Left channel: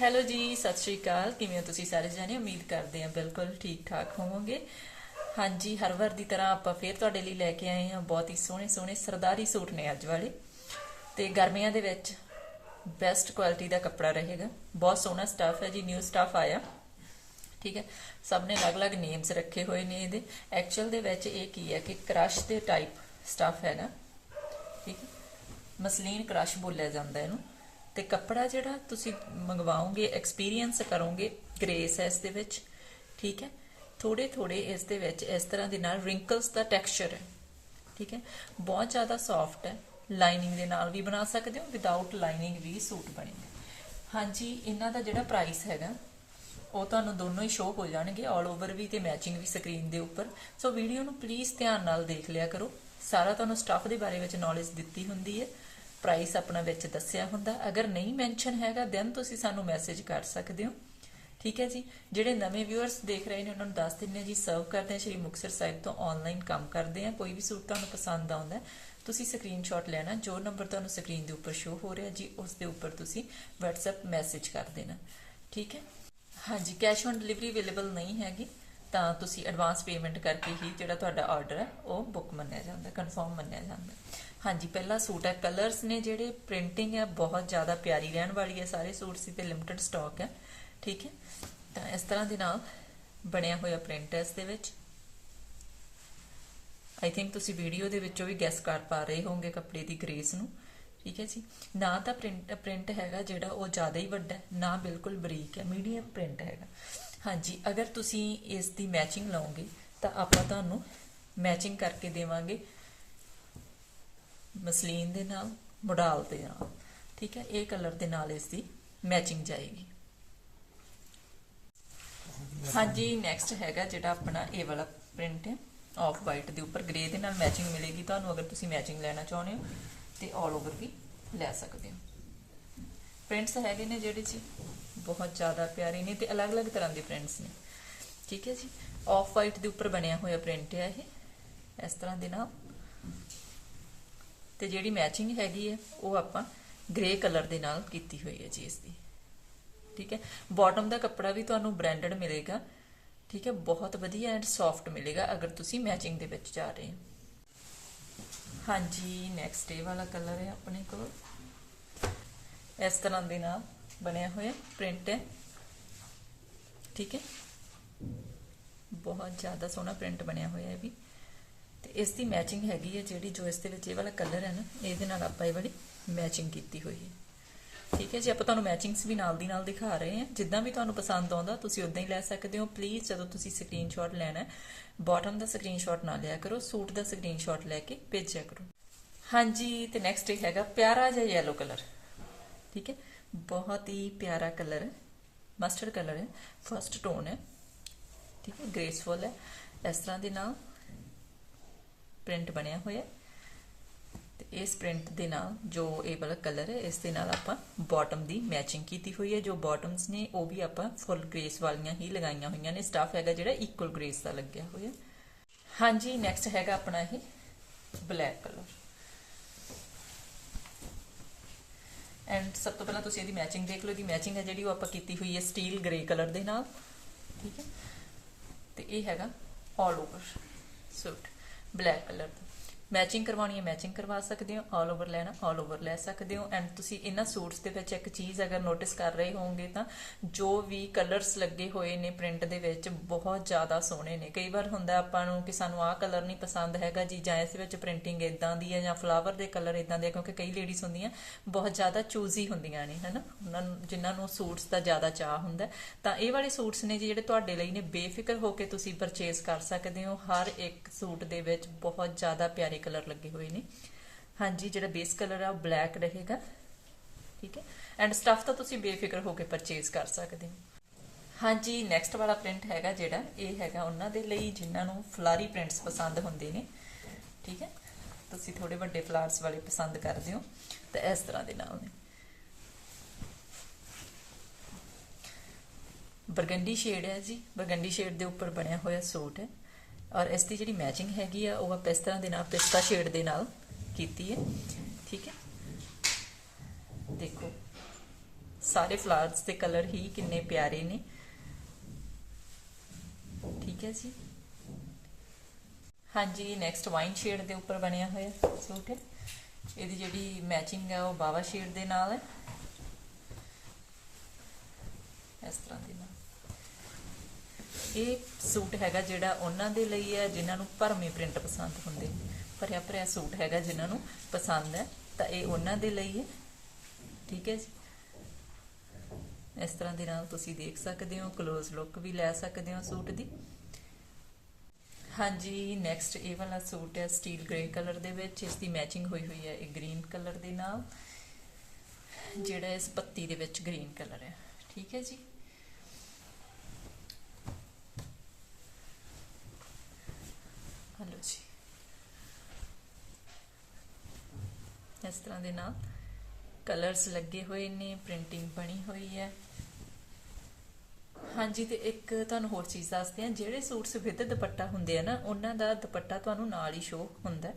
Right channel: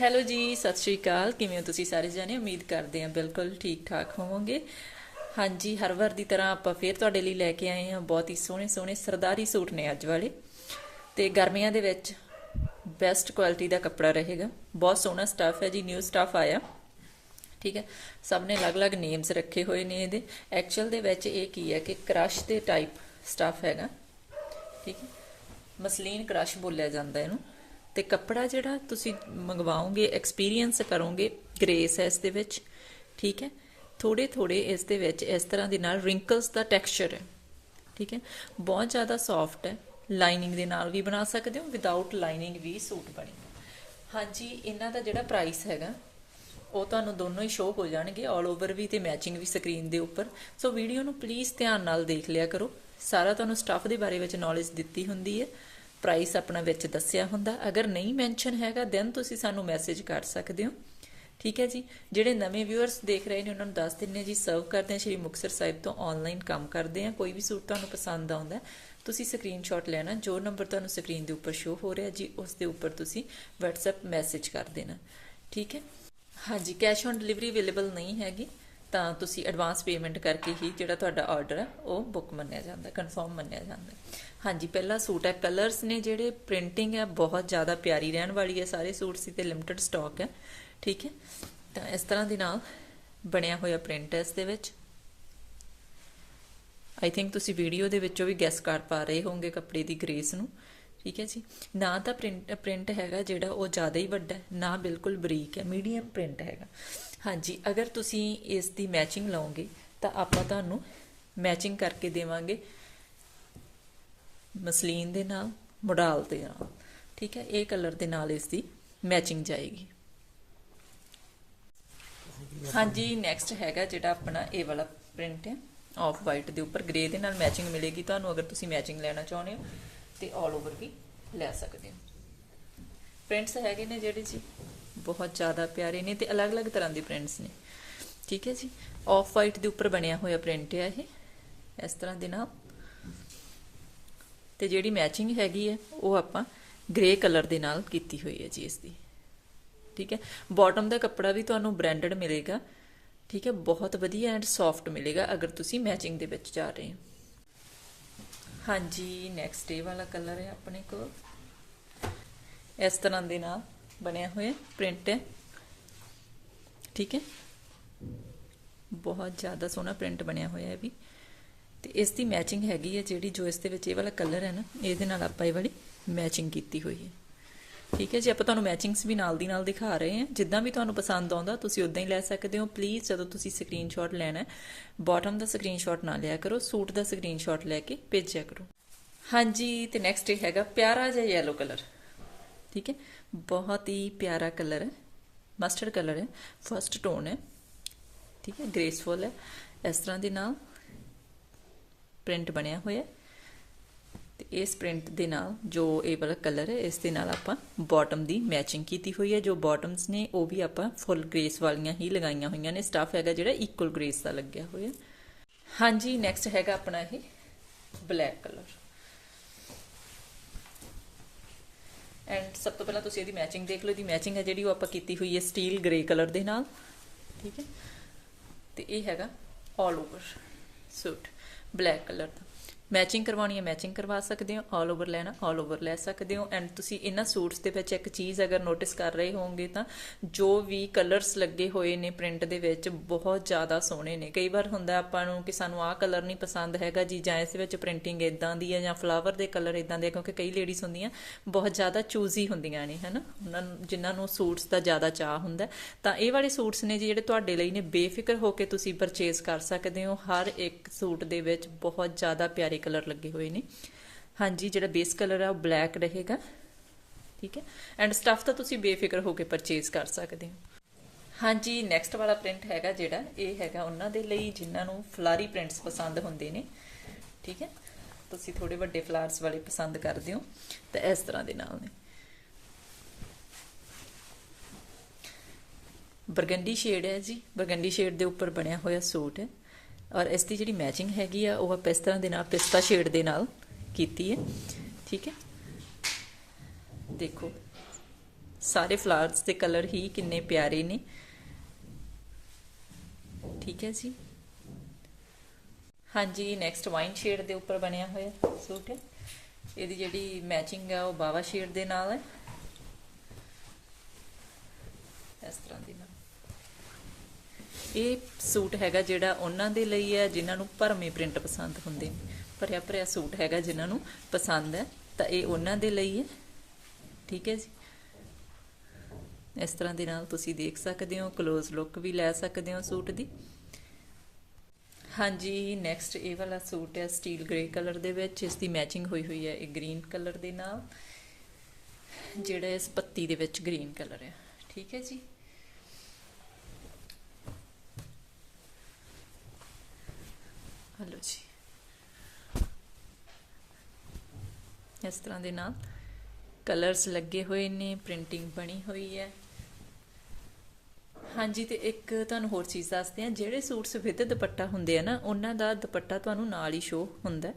Hello ਜੀ, ਸਤਿ ਸ਼੍ਰੀ ਅਕਾਲ। ਕਿਵੇਂ ਹੋ ਤੁਸੀਂ ਸਾਰੇ ਜਾਣੇ? ਉਮੀਦ ਕਰਦੇ ਹਾਂ ਬਿਲਕੁਲ ਠੀਕ ਠਾਕ ਹੋਵੋਗੇ। ਹਾਂਜੀ, ਹਰ ਵਾਰ ਦੀ ਤਰ੍ਹਾਂ ਆਪਾਂ ਫੇਰ ਤੁਹਾਡੇ ਲਈ ਲੈ ਕੇ ਆਏ ਹਾਂ। ਬਹੁਤ ਹੀ ਸੋਹਣੇ ਸੋਹਣੇ ਸਰਦਾਰੀ ਸੂਟ ਨੇ ਅੱਜ ਵਾਲੇ। ਤੇ ਗਰਮੀਆਂ ਦੇ ਵਿੱਚ ਬੈਸਟ ਕੁਆਲਿਟੀ ਦਾ ਕੱਪੜਾ ਰਹੇਗਾ। ਬਹੁਤ ਸੋਹਣਾ ਸਟਾਫ ਹੈ ਜੀ ਨਿਊ ਸਟਾਫ ਆਇਆ। ਠੀਕ ਹੈ? ਸਭ ਨੇ ਅਲੱਗ-ਅਲੱਗ ਨੇਮਸ ਰੱਖੇ ਹੋਏ ਨੇ ਇਹਦੇ। ਐਕਚੁਅਲ ਦੇ ਵਿੱਚ ਇਹ ਕੀ ਹੈ ਕਿ ਕ੍ਰਸ਼ ਦੇ ਟਾਈਪ ਸਟਾਫ ਹੈਗਾ। ਠੀਕ ਮਸਲੀਨ ਕ੍ਰਸ਼ ਬੋਲਿਆ ਜਾਂਦਾ ਇਹਨੂੰ। ਤੇ ਕੱਪੜਾ ਜਿਹੜਾ ਤੁਸੀਂ ਮੰਗਵਾਓਗੇ ਐਕਸਪੀਰੀਅੰਸ ਕਰੋਗੇ ਗ੍ਰੇਸ ਹੈ ਇਸ ਦੇ ਵਿੱਚ, ਠੀਕ ਹੈ? ਥੋੜੇ ਥੋੜੇ ਇਸ ਦੇ ਵਿੱਚ ਇਸ ਤਰ੍ਹਾਂ ਦੇ ਨਾਲ ਰਿੰਕਲਸ ਦਾ ਟੈਕਸਚਰ ਹੈ, ਠੀਕ ਹੈ? ਬਹੁਤ ਜ਼ਿਆਦਾ ਸੌਫਟ ਹੈ ਲਾਈਨਿੰਗ ਦੇ ਨਾਲ ਵੀ ਬਣਾ ਸਕਦੇ ਹੋ ਵਿਦਆਊਟ ਲਾਈਨਿੰਗ ਵੀ ਸੂਟ ਬਣੇਗਾ ਹਾਂਜੀ, ਇਹਨਾਂ ਦਾ ਜਿਹੜਾ ਪ੍ਰਾਈਸ ਹੈਗਾ, ਉਹ ਤੁਹਾਨੂੰ ਦੋਨੋਂ ਹੀ ਸ਼ੋਅ ਹੋ ਜਾਣਗੇ 올 ਓਵਰ ਵੀ ਤੇ ਮੈਚਿੰਗ ਵੀ ਸਕਰੀਨ ਦੇ ਉੱਪਰ। ਸੋ ਵੀਡੀਓ ਨੂੰ ਪਲੀਜ਼ ਧਿਆਨ ਨਾਲ ਦੇਖ ਲਿਆ ਕਰੋ। ਸਾਰਾ ਤੁਹਾਨੂੰ ਸਟਾਫ ਦੇ ਬਾਰੇ ਵਿੱਚ ਨੌਲੇਜ ਦਿੱਤੀ ਹੁੰਦੀ ਹੈ। ਪ੍ਰਾਈਸ ਆਪਣਾ ਵਿੱਚ ਦੱਸਿਆ ਹੁੰਦਾ। ਅਗਰ ਨਹੀਂ ਮੈਂਸ਼ਨ ਹੈਗਾ ਦੈਨ ਤੁਸੀਂ ਸਾਨੂੰ ਮੈਸੇਜ ਕਰ ਸਕਦੇ ਹੋ। ਠੀਕ ਹੈ ਜੀ? ਜਿਹੜੇ ਨਵੇਂ ਵਿਊਅਰਸ ਦੇਖ ਰਹੇ ਨੇ ਉਹਨਾਂ ਨੂੰ ਦੱਸ ਦਿੰਨੇ ਜੀ ਸਰਵ ਕਰਦੇ ਆ ਸ਼੍ਰੀ ਮੁਕਤਸਰ ਸਾਹਿਬ ਤੋਂ ਆਨਲਾਈਨ ਕੰਮ ਕਰਦੇ ਆ ਕੋਈ ਵੀ ਸੂਟ ਤੁਹਾਨੂੰ ਪਸੰਦ ਆਉਂਦਾ ਹੈ, ਤੁਸੀਂ ਸਕਰੀਨਸ਼ਾਟ ਲੈਣਾ। ਜੋ ਨੰਬਰ ਤੁਹਾਨੂੰ ਸਕਰੀਨ ਦੇ ਉੱਪਰ ਸ਼ੋ ਹੋ ਰਿਹਾ ਜੀ ਉਸ ਦੇ ਉੱਪਰ ਤੁਸੀਂ WhatsApp ਮੈਸੇਜ ਕਰ ਦੇਣਾ। ਠੀਕ ਹੈ? ਹਾਂਜੀ ਕੈਸ਼ ਔਨ ਡਿਲੀਵਰੀ ਅਵੇਲੇਬਲ ਨਹੀਂ ਹੈਗੀ। ਤਾਂ ਤੁਸੀਂ ਐਡਵਾਂਸ ਪੇਮੈਂਟ ਕਰਕੇ ਹੀ ਜਿਹੜਾ ਤੁਹਾਡਾ ਆਰਡਰ ਹੈ, ਉਹ ਬੁੱਕ ਮੰਨਿਆ ਜਾਂਦਾ ਕਨਫਰਮ ਮੰਨਿਆ ਜਾਂਦਾ। ਹਾਂਜੀ, ਪਹਿਲਾ ਸੂਟ ਹੈ ਕਲਰਸ ਨੇ ਜਿਹੜੇ ਪ੍ਰਿੰਟਿੰਗ ਹੈ, ਬਹੁਤ ਜ਼ਿਆਦਾ ਪਿਆਰੀ ਰਹਿਣ ਵਾਲੀ ਹੈ, ਸਾਰੇ ਸੂਟ ਸੀ ਤੇ ਲਿਮਟਿਡ ਸਟਾਕ ਹੈ, ਠੀਕ ਹੈ? ਤਾਂ ਇਸ ਤਰ੍ਹਾਂ ਦੇ ਨਾਲ ਬਣਿਆ ਹੋਇਆ ਪ੍ਰਿੰਟ ਹੈ ਇਸ ਦੇ ਵਿੱਚ। ਆਈ ਥਿੰਕ ਤੁਸੀਂ ਵੀਡੀਓ ਦੇ ਵਿੱਚੋਂ ਵੀ ਗੈਸ ਕਰ ਪਾ ਰਹੇ ਹੋਵੋਗੇ ਕੱਪੜੇ ਦੀ ਗ੍ਰੇਸ ਨੂੰ। ਠੀਕ ਹੈ ਜੀ? ਨਾ ਤਾਂ ਪ੍ਰਿੰਟ ਪ੍ਰਿੰਟ ਹੈਗਾ ਜਿਹੜਾ ਉਹ ਜ਼ਿਆਦਾ ਹੀ ਵੱਡਾ ਹੈ, ਨਾ ਬਿਲਕੁਲ ਬਰੀਕ ਹੈ ਮੀਡੀਅਮ ਪ੍ਰਿੰਟ ਹੈਗਾ। ਹਾਂਜੀ, ਅਗਰ ਤੁਸੀਂ ਇਸ ਦੀ ਮੈਚਿੰਗ ਲਾਓਗੇ, ਤਾਂ ਆਪਾਂ ਤੁਹਾਨੂੰ ਮੈਚਿੰਗ ਕਰਕੇ ਦੇਵਾਂਗੇ। ਮਸਲੀਨ ਦੇ ਨਾਲ ਮੋਡਲ ਦੇ ਨਾਲ, ਠੀਕ ਹੈ? ਇਹ ਕਲਰ ਦੇ ਨਾਲ ਇਸ ਦੀ ਮੈਚਿੰਗ ਜਾਏਗੀ। ਹਾਂਜੀ ਨੈਕਸਟ ਹੈਗਾ ਜਿਹੜਾ ਆਪਣਾ ਇਹ ਵਾਲਾ ਪ੍ਰਿੰਟ ਹੈ ਆਫ ਵਾਈਟ ਦੇ ਉੱਪਰ ਗ੍ਰੇ ਦੇ ਨਾਲ ਮੈਚਿੰਗ ਮਿਲੇਗੀ। ਤੁਹਾਨੂੰ ਅਗਰ ਤੁਸੀਂ ਮੈਚਿੰਗ ਲੈਣਾ ਚਾਹੁੰਦੇ ਹੋ ਤੇ ਆਲ ਓਵਰ ਵੀ ਲੈ ਸਕਦੇ ਹੋ। ਪ੍ਰਿੰਟਸ ਹੈਗੇ ਨੇ ਜਿਹੜੇ ਜੀ, ਬਹੁਤ ਜ਼ਿਆਦਾ ਪਿਆਰੇ ਨੇ ਤੇ ਅਲੱਗ-ਅਲੱਗ ਤਰ੍ਹਾਂ ਦੇ ਪ੍ਰਿੰਟਸ ਨੇ। ਠੀਕ ਹੈ ਜੀ? ਆਫ ਵਾਈਟ ਦੇ ਉੱਪਰ ਬਣਿਆ ਹੋਇਆ ਪ੍ਰਿੰਟ ਹੈ ਇਹ। ਇਸ ਤਰ੍ਹਾਂ ਦੇ ਨਾਲ। ਤੇ ਜਿਹੜੀ ਮੈਚਿੰਗ ਹੈਗੀ ਹੈ, ਉਹ ਆਪਾਂ ਗ੍ਰੇ ਕਲਰ ਦੇ ਨਾਲ ਕੀਤੀ ਹੋਈ ਹੈ ਜੀ ਇਸ ਦੀ ਠੀਕ ਹੈ? ਬਾਟਮ ਦਾ ਕੱਪੜਾ ਵੀ ਤੁਹਾਨੂੰ ਬ੍ਰਾਂਡਡ ਮਿਲੇਗਾ। ਠੀਕ ਹੈ? ਬਹੁਤ ਵਧੀਆ ਐਂਡ ਸੌਫਟ ਮਿਲੇਗਾ ਅਗਰ ਤੁਸੀਂ ਮੈਚਿੰਗ ਦੇ ਵਿੱਚ ਜਾ ਰਹੇ ਹੋ। ਹਾਂਜੀ ਨੈਕਸਟ ਡੇ ਵਾਲਾ ਕਲਰ ਹੈ ਆਪਣੇ ਕੋਲ। ਇਸ ਤਰ੍ਹਾਂ ਦੇ ਨਾਲ ਬਣਿਆ ਹੋਇਆ ਪ੍ਰਿੰਟ ਹੈ। ਠੀਕ ਹੈ? ਬਹੁਤ ਜ਼ਿਆਦਾ ਸੋਹਣਾ ਪ੍ਰਿੰਟ ਬਣਿਆ ਹੋਇਆ ਹੈ ਵੀ। ਤੇ ਇਸ ਦੀ ਮੈਚਿੰਗ ਹੈਗੀ ਹੈ ਜਿਹੜੀ ਜੋ ਇਸ ਦੇ ਵਿੱਚ ਇਹ ਵਾਲਾ ਕਲਰ ਹੈ ਨਾ, ਇਹਦੇ ਨਾਲ ਆਪਾਂ ਇਹ ਵਾਲੀ ਮੈਚਿੰਗ ਕੀਤੀ ਹੋਈ ਹੈ। ਠੀਕ ਹੈ ਜੀ, ਆਪਾਂ ਤੁਹਾਨੂੰ ਮੈਚਿੰਗਸ ਵੀ ਨਾਲ ਦੀ ਨਾਲ ਦਿਖਾ ਰਹੇ ਹਾਂ। ਜਿੱਦਾਂ ਵੀ ਤੁਹਾਨੂੰ ਪਸੰਦ ਆਉਂਦਾ, ਤੁਸੀਂ ਉਦਾਂ ਹੀ ਲੈ ਸਕਦੇ ਹੋ। ਪਲੀਜ਼ ਜਦੋਂ ਤੁਸੀਂ ਸਕਰੀਨਸ਼ਾਟ ਲੈਣਾ ਹੈ ਬਾਟਮ ਦਾ ਸਕਰੀਨਸ਼ਾਟ ਨਾ ਲਿਆ ਕਰੋ ਸੂਟ ਦਾ ਸਕਰੀਨਸ਼ਾਟ ਲੈ ਕੇ ਭੇਜਿਆ ਕਰੋ। ਹਾਂਜੀ, ਤੇ ਨੈਕਸਟ ਇਹ ਹੈਗਾ ਪਿਆਰਾ ਜਿਹਾ ਯੈਲੋ ਕਲਰ ਠੀਕ ਹੈ, ਬਹੁਤ ਹੀ ਪਿਆਰਾ ਕਲਰ ਹੈ ਮਸਟਰਡ ਕਲਰ ਹੈ ਫਰਸਟ ਟੋਨ ਹੈ। ਠੀਕ ਹੈ ਗ੍ਰੇਸਫੁਲ ਹੈ, ਇਸ ਤਰ੍ਹਾਂ ਦੇ ਨਾਲ ਪ੍ਰਿੰਟ ਬਣਿਆ ਹੋਇਆ ਹੈ। ਤੇ ਇਸ ਪ੍ਰਿੰਟ ਦੇ ਨਾਲ ਜੋ ਇਹ ਵਾਲਾ ਕਲਰ ਹੈ, ਇਸ ਦੇ ਨਾਲ ਆਪਾਂ ਬਾਟਮ ਦੀ ਮੈਚਿੰਗ ਕੀਤੀ ਹੋਈ ਹੈ। ਜੋ ਬਾਟਮਸ ਨੇ, ਉਹ ਵੀ ਆਪਾਂ ਫੁੱਲ ਗ੍ਰੇਸ ਵਾਲੀਆਂ ਹੀ ਲਗਾਈਆਂ ਹੋਈਆਂ ਨੇ। ਸਟਾਫ ਹੈਗਾ ਜਿਹੜਾ ਇਕੁਅਲ ਗ੍ਰੇਸ ਦਾ ਲੱਗਿਆ ਹੋਇਆ। ਹਾਂਜੀ ਨੈਕਸਟ ਹੈਗਾ ਆਪਣਾ ਇਹ ਬਲੈਕ ਕਲਰ ਐਂਡ ਸਭ ਤੋਂ ਪਹਿਲਾਂ ਤੁਸੀਂ ਇਹਦੀ ਮੈਚਿੰਗ ਦੇਖ ਲਓ। ਇਹਦੀ ਮੈਚਿੰਗ ਹੈ ਜਿਹੜੀ ਉਹ ਆਪਾਂ ਕੀਤੀ ਹੋਈ ਹੈ ਸਟੀਲ ਗ੍ਰੇ ਕਲਰ ਦੇ ਨਾਲ। ਠੀਕ ਹੈ? ਤੇ ਇਹ ਹੈਗਾ all over suit black colour ਦਾ। ਮੈਚਿੰਗ ਕਰਵਾਉਣੀ ਹੈ ਮੈਚਿੰਗ ਕਰਵਾ ਸਕਦੇ ਹੋ ਆਲ ਓਵਰ ਲੈਣਾ ਆਲ ਓਵਰ ਲੈ ਸਕਦੇ ਹੋ। ਐਂਡ ਤੁਸੀਂ ਇਹਨਾਂ ਸੂਟਸ ਦੇ ਵਿੱਚ ਇੱਕ ਚੀਜ਼ ਅਗਰ ਨੋਟਿਸ ਕਰ ਰਹੇ ਹੋਵੋਗੇ ਤਾਂ ਜੋ ਵੀ ਕਲਰਸ ਲੱਗੇ ਹੋਏ ਨੇ ਪ੍ਰਿੰਟ ਦੇ ਵਿੱਚ ਬਹੁਤ ਜ਼ਿਆਦਾ ਸੋਹਣੇ ਨੇ। ਕਈ ਵਾਰ ਹੁੰਦਾ ਆਪਾਂ ਨੂੰ ਕਿ ਸਾਨੂੰ ਆਹ ਕਲਰ ਨਹੀਂ ਪਸੰਦ ਹੈਗਾ ਜੀ ਜਾਂ ਇਸ ਵਿੱਚ ਪ੍ਰਿੰਟਿੰਗ ਇਦਾਂ ਦੀ ਹੈ ਜਾਂ ਫਲਾਵਰ ਦੇ ਕਲਰ ਇਦਾਂ ਦੇ ਆ, ਕਿਉਂਕਿ ਕਈ ਲੇਡੀਜ਼ ਹੁੰਦੀਆਂ ਬਹੁਤ ਜ਼ਿਆਦਾ ਚੂਜ਼ੀ ਹੁੰਦੀਆਂ ਨੇ ਹਨਾ? ਉਹਨਾਂ ਨੂੰ ਜਿਨ੍ਹਾਂ ਨੂੰ ਸੂਟਸ ਦਾ ਜ਼ਿਆਦਾ ਚਾਹ ਹੁੰਦਾ। ਤਾਂ ਇਹ ਵਾਲੇ ਸੂਟਸ ਨੇ ਜੀ ਜਿਹੜੇ ਤੁਹਾਡੇ ਲਈ ਨੇ ਬੇਫਿਕਰ ਹੋ ਕੇ ਤੁਸੀਂ ਪਰਚੇਸ ਕਰ ਸਕਦੇ ਹੋ। ਹਰ ਇੱਕ ਸੂਟ ਦੇ ਵਿੱਚ ਬਹੁਤ ਜ਼ਿਆਦਾ ਪਿਆਰੇ ਕਲਰ ਲੱਗੇ ਹੋਏ ਨੇ। ਹਾਂਜੀ, ਜਿਹੜਾ ਬੇਸ ਕਲਰ ਹੈ ਉਹ ਬਲੈਕ ਰਹੇਗਾ। ਠੀਕ ਹੈ? ਐਂਡ ਸਟਫ ਤਾਂ ਤੁਸੀਂ ਬੇਫਿਕਰ ਹੋ ਕੇ ਪਰਚੇਸ ਕਰ ਸਕਦੇ ਹੋ। ਹਾਂਜੀ ਨੈਕਸਟ ਵਾਲਾ ਪ੍ਰਿੰਟ ਹੈਗਾ ਜਿਹੜਾ, ਇਹ ਹੈਗਾ ਉਹਨਾਂ ਦੇ ਲਈ, ਜਿਨ੍ਹਾਂ ਨੂੰ ਫਲਾਰੀ ਪ੍ਰਿੰਟਸ ਪਸੰਦ ਹੁੰਦੇ ਨੇ। ਠੀਕ ਹੈ? ਤੁਸੀਂ ਥੋੜੇ ਵੱਡੇ ਫਲਾਰਸ ਵਾਲੇ ਪਸੰਦ ਕਰਦੇ ਹੋ, ਤਾਂ ਇਸ ਤਰ੍ਹਾਂ ਦੇ ਨਾਲ ਨੇ। ਬਰਗੰਡੀ ਸ਼ੇਡ ਹੈ ਜੀ। ਬਰਗੰਡੀ ਸ਼ੇਡ ਦੇ ਉੱਪਰ ਬਣਿਆ ਹੋਇਆ ਸੂਟ ਹੈ। ਔਰ ਇਸ ਦੀ ਜਿਹੜੀ ਮੈਚਿੰਗ ਹੈਗੀ ਆ, ਉਹ ਆਪਾਂ ਇਸ ਤਰ੍ਹਾਂ ਦੇ ਨਾਲ, ਪਿਸਤਾ ਸ਼ੇਡ ਦੇ ਨਾਲ ਕੀਤੀ ਹੈ। ਠੀਕ ਹੈ? ਦੇਖੋ, ਸਾਰੇ ਫਲਾਵਰਸ ਦੇ ਕਲਰ ਹੀ ਕਿੰਨੇ ਪਿਆਰੇ ਨੇ। ਠੀਕ ਹੈ ਜੀ? ਹਾਂਜੀ ਨੈਕਸਟ ਵਾਈਨ ਸ਼ੇਡ ਦੇ ਉੱਪਰ ਬਣਿਆ ਹੋਇਆ ਸੂਟ ਹੈ। ਇਹਦੀ ਜਿਹੜੀ ਮੈਚਿੰਗ ਹੈ ਉਹ ਬਾਵਾ ਸ਼ੇਡ ਦੇ ਨਾਲ ਹੈ। ਇਸ ਤਰ੍ਹਾਂ ਦੀ ਇਹ ਸੂਟ ਹੈਗਾ ਜਿਹੜਾ ਉਹਨਾਂ ਦੇ ਲਈ ਹੈ, ਜਿਨ੍ਹਾਂ ਨੂੰ ਭਰਮੇ ਪ੍ਰਿੰਟ ਪਸੰਦ ਹੁੰਦੇ ਨੇ। ਭਰਿਆ ਭਰਿਆ ਸੂਟ ਹੈਗਾ ਜਿਨ੍ਹਾਂ ਨੂੰ ਪਸੰਦ ਹੈ, ਤਾਂ ਇਹ ਉਹਨਾਂ ਦੇ ਲਈ ਹੈ। ਠੀਕ ਹੈ ਜੀ? ਇਸ ਤਰ੍ਹਾਂ ਦੇ ਨਾਲ ਤੁਸੀਂ ਦੇਖ ਸਕਦੇ ਹੋ ক্লোਜ਼ ਲੁੱਕ ਵੀ ਲੈ ਸਕਦੇ ਹੋ ਸੂਟ ਦੀ। ਹਾਂਜੀ ਨੈਕਸਟ ਇਹ ਵਾਲਾ ਸੂਟ ਹੈ ਸਟੀਲ ਗ੍ਰੇ ਕਲਰ ਦੇ ਵਿੱਚ। ਇਸ ਦੀ ਮੈਚਿੰਗ ਹੋਈ ਹੋਈ ਹੈ, ਇਹ ਗ੍ਰੀਨ ਕਲਰ ਦੇ ਨਾਲ। ਜਿਹੜਾ ਇਸ ਪੱਤੀ ਦੇ ਵਿੱਚ ਗ੍ਰੀਨ ਕਲਰ ਹੈ। ਠੀਕ ਹੈ ਜੀ? ਹਲੋ ਜੀ ਇਸ ਤਰ੍ਹਾਂ ਦੇ ਨਾਲ ਕਲਰਸ ਲੱਗੇ ਹੋਏ ਨੇ ਪ੍ਰਿੰਟਿੰਗ ਬਣੀ ਹੋਈ ਹੈ ਹਾਂਜੀ, ਤੇ ਇੱਕ ਤੁਹਾਨੂੰ ਹੋਰ ਚੀਜ਼ ਦੱਸਦੇ ਆ ਜਿਹੜੇ ਸੂਟਸ ਵਿਦ ਦੁਪੱਟਾ ਹੁੰਦੇ ਆ ਨਾ, ਉਹਨਾਂ ਦਾ ਦੁਪੱਟਾ ਤੁਹਾਨੂੰ ਨਾਲ ਹੀ ਸ਼ੋ ਹੁੰਦਾ ਹੈ।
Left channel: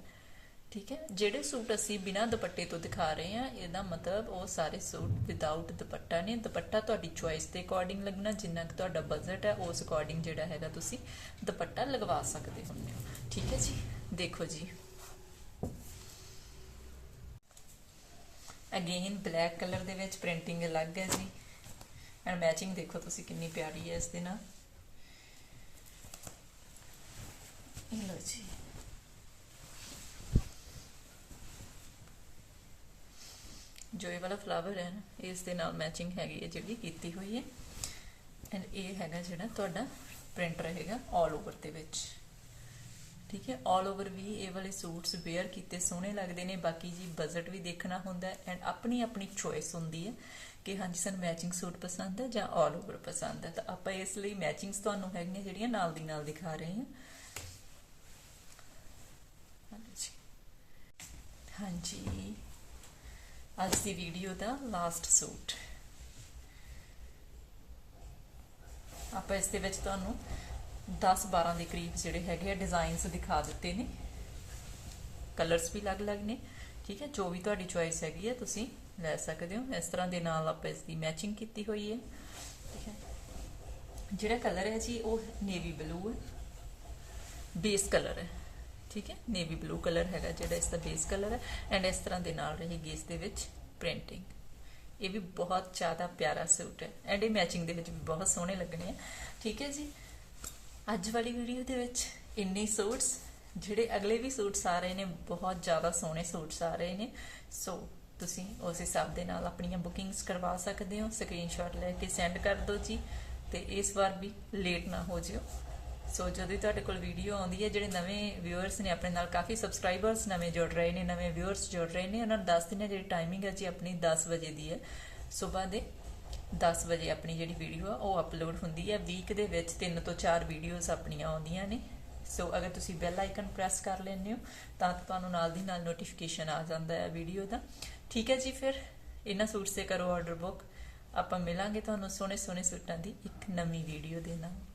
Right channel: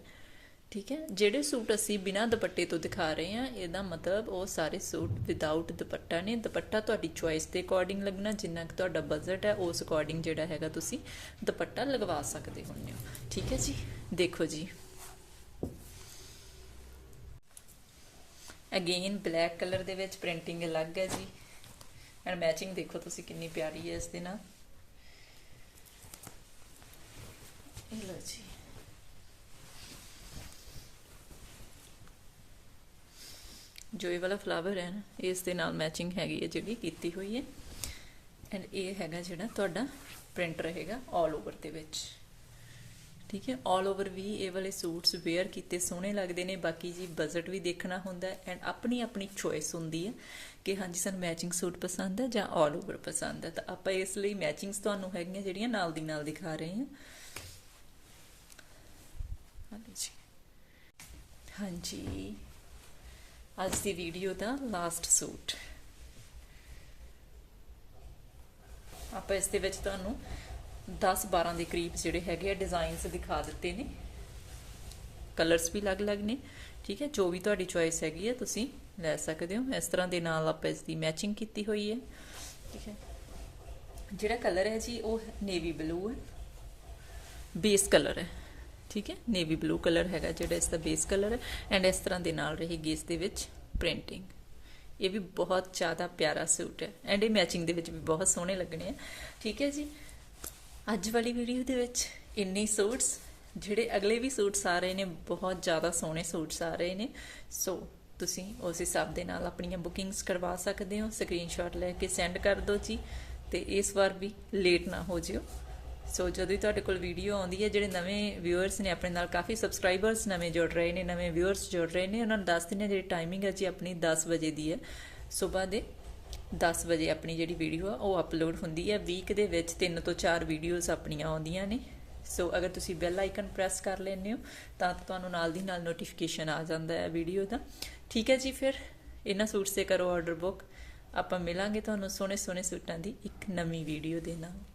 ਠੀਕ ਹੈ? ਜਿਹੜੇ ਸੂਟ ਅਸੀਂ ਬਿਨਾਂ ਦੁਪੱਟੇ ਤੋਂ ਦਿਖਾ ਰਹੇ ਹਾਂ, ਇਹਦਾ ਮਤਲਬ ਉਹ ਸਾਰੇ ਸੂਟ ਵਿਦਆਊਟ ਦੁਪੱਟਾ ਨੇ। ਦੁਪੱਟਾ ਤੁਹਾਡੀ ਚੁਆਇਸ ਦੇ ਅਕੋਰਡਿੰਗ ਲੱਗਣਾ, ਜਿੰਨਾ ਕਿ ਤੁਹਾਡਾ ਬਜਟ ਹੈ, ਉਸ ਅਕੋਰਡਿੰਗ ਜਿਹੜਾ ਹੈਗਾ ਤੁਸੀਂ ਦੁਪੱਟਾ ਲਗਵਾ ਸਕਦੇ ਹੁੰਦੇ ਹੋ। ਠੀਕ ਹੈ ਜੀ? ਦੇਖੋ ਜੀ। ਅਗੇਨ ਬਲੈਕ ਕਲਰ ਦੇ ਵਿੱਚ ਪ੍ਰਿੰਟਿੰਗ ਅਲੱਗ ਹੈ ਜੀ। ਐਂਡ ਮੈਚਿੰਗ ਦੇਖੋ ਤੁਸੀਂ ਕਿੰਨੀ ਪਿਆਰੀ ਹੈ ਇਸ ਦੇ ਨਾਲ। ਇਹ ਲਓ ਜੀ। ਜੋ ਇਹ ਵਾਲਾ ਫਲਾਵਰ ਹੈ ਨਾ ਇਸ ਦੇ ਨਾਲ ਮੈਚਿੰਗ ਹੈਗੀ ਹੈ ਜਿਹੜੀ ਕੀਤੀ ਹੋਈ ਹੈ ਐਂਡ ਇਹ ਹੈਗਾ ਜਿਹੜਾ ਤੁਹਾਡਾ ਪ੍ਰਿੰਟ ਰਹੇਗਾ 올 ਓਵਰ ਦੇ ਵਿੱਚ ਠੀਕ ਹੈ 올 ਓਵਰ ਵੀ ਇਹ ਵਾਲੇ ਸੂਟਸ ਵੇਅਰ ਕੀਤੇ ਸੋਹਣੇ ਲੱਗਦੇ ਨੇ ਬਾਕੀ ਜੀ ਬਜਟ ਵੀ ਦੇਖਣਾ ਹੁੰਦਾ ਹੈ ਐਂਡ ਆਪਣੀ ਆਪਣੀ ਚੋਇਸ ਹੁੰਦੀ ਹੈ ਕਿ ਹਾਂਜੀ ਸਾਨੂੰ ਮੈਚਿੰਗ ਸੂਟ ਪਸੰਦ ਹੈ ਜਾਂ 올 ਓਵਰ ਪਸੰਦ ਹੈ ਤਾਂ ਆਪਾਂ ਇਸ ਲਈ ਮੈਚਿੰਗਸ ਤੁਹਾਨੂੰ ਹੈਗੀਆਂ ਜਿਹੜੀਆਂ ਨਾਲ ਦੀ ਨਾਲ ਦਿਖਾ ਰਹੇ ਹਾਂ ਹਾਂਜੀ ਜੀ। ਹਾਂਜੀ ਅੱਜ ਦੀ ਵੀਡੀਓ ਦਾ ਲਾਸਟ ਸੂਟ। ਆਪਾਂ ਇਸ ਦੇ ਵਿੱਚ ਤੁਹਾਨੂੰ 10-12 ਦੇ ਕਰੀਬ ਜਿਹੜੇ ਹੈਗੇ ਆ ਡਿਜ਼ਾਈਨਸ ਦਿਖਾ ਦਿੱਤੇ ਨੇ। ਕਲਰਸ ਵੀ ਅਲੱਗ-ਅਲੱਗ ਨੇ, ਠੀਕ ਹੈ? ਜੋ ਵੀ ਤੁਹਾਡੀ ਚੋਇਸ ਹੈਗੀ ਹੈ ਤੁਸੀਂ ਲੈ ਸਕਦੇ ਹੋ। ਇਸ ਤਰ੍ਹਾਂ ਦੇ ਨਾਲ ਆਪਾਂ ਇਸ ਦੀ ਮੈਚਿੰਗ ਕੀਤੀ ਹੋਈ ਹੈ, ਠੀਕ ਹੈ? ਜਿਹੜਾ ਕਲਰ ਹੈ ਜੀ, ਉਹ ਨੇਵੀ ਬਲੂ ਹੈ। ਬੇਸ ਕਲਰ ਹੈ। ਠੀਕ ਹੈ? ਨੇਵੀ ਬਲੂ ਕਲਰ ਹੈਗਾ ਜਿਹੜਾ ਇਸ ਦਾ ਬੇਸ ਕਲਰ ਹੈ ਐਂਡ ਇਸ ਤਰ੍ਹਾਂ ਦੇ ਨਾਲ ਰਹੇਗੀ ਇਸ ਦੇ ਵਿੱਚ ਪ੍ਰਿੰਟਿੰਗ ਇਹ ਵੀ ਬਹੁਤ ਜ਼ਿਆਦਾ ਪਿਆਰਾ ਸੂਟ ਹੈ ਐਂਡ ਇਹ ਮੈਚਿੰਗ ਦੇ ਵਿੱਚ ਵੀ ਬਹੁਤ ਸੋਹਣੇ ਲੱਗਣੇ ਆ। ਠੀਕ ਹੈ ਜੀ? ਅੱਜ ਵਾਲੀ ਵੀਡੀਓ ਦੇ ਵਿੱਚ ਇੰਨੇ ਸੂਟਸ, ਜਿਹੜੇ ਅਗਲੇ ਵੀ ਸੂਟਸ ਆ ਰਹੇ ਨੇ, ਬਹੁਤ ਜ਼ਿਆਦਾ ਸੋਹਣੇ ਸੂਟਸ ਆ ਰਹੇ ਨੇ। ਸੋ ਤੁਸੀਂ ਉਸ ਹਿਸਾਬ ਦੇ ਨਾਲ ਆਪਣੀਆਂ ਬੁਕਿੰਗਸ ਕਰਵਾ ਸਕਦੇ ਹੋ। ਸਕਰੀਨਸ਼ਾਟ ਲੈ ਕੇ ਸੈਂਡ ਕਰ ਦਿਓ ਜੀ। ਤੇ ਇਸ ਵਾਰ ਵੀ ਲੇਟ ਨਾ ਹੋ ਜਿਓ। ਸੋ ਜਦੋਂ ਵੀ ਤੁਹਾਡੇ ਕੋਲ ਵੀਡੀਓ ਆਉਂਦੀ ਹੈ, ਜਿਹੜੇ ਨਵੇਂ ਵਿਊਅਰਸ ਨੇ ਆਪਣੇ ਨਾਲ, ਕਾਫੀ ਸਬਸਕ੍ਰਾਈਬਰਸ ਨਵੇਂ ਜੁੜ ਰਹੇ ਨੇ, ਨਵੇਂ ਵਿਊਅਰਸ ਜੁੜ ਰਹੇ ਨੇ, ਉਹਨਾਂ ਨੂੰ ਦੱਸ ਦਿੰਦੇ ਹਾਂ ਜਿਹੜੀ ਟਾਈਮਿੰਗ ਹੈ ਜੀ ਆਪਣੀ 10 ਵਜੇ ਦੀ ਹੈ। ਸਵੇਰ ਦੇ 10 ਵਜੇ ਆਪਣੀ ਜਿਹੜੀ ਵੀਡੀਓ ਆ, ਉਹ ਅਪਲੋਡ ਹੁੰਦੀ ਹੈ। ਵੀਕ ਦੇ ਵਿੱਚ ਤਿੰਨ ਤੋਂ ਚਾਰ ਵੀਡੀਓਜ਼ ਆਪਣੀਆਂ ਆਉਂਦੀਆਂ ਨੇ। ਸੋ ਅਗਰ ਤੁਸੀਂ ਬੈਲ ਆਈਕਨ ਪ੍ਰੈਸ ਕਰ ਲੈਂਦੇ ਹੋ, ਤਾਂ ਤੁਹਾਨੂੰ ਨਾਲ ਦੀ ਨਾਲ ਨੋਟੀਫਿਕੇਸ਼ਨ ਆ ਜਾਂਦਾ ਹੈ ਵੀਡੀਓ ਦਾ। ਠੀਕ ਹੈ ਜੀ ਫਿਰ, ਇਹਨਾਂ ਸੂਟਸ ਤੇ ਕਰੋ ਆਰਡਰ ਬੁੱਕ ਆਪਾਂ ਮਿਲਾਂਗੇ ਤੁਹਾਨੂੰ ਸੋਹਣੇ ਸੋਹਣੇ ਸੂਟਾਂ ਦੀ ਇੱਕ ਨਵੀਂ ਵੀਡੀਓ ਦੇ ਨਾਲ।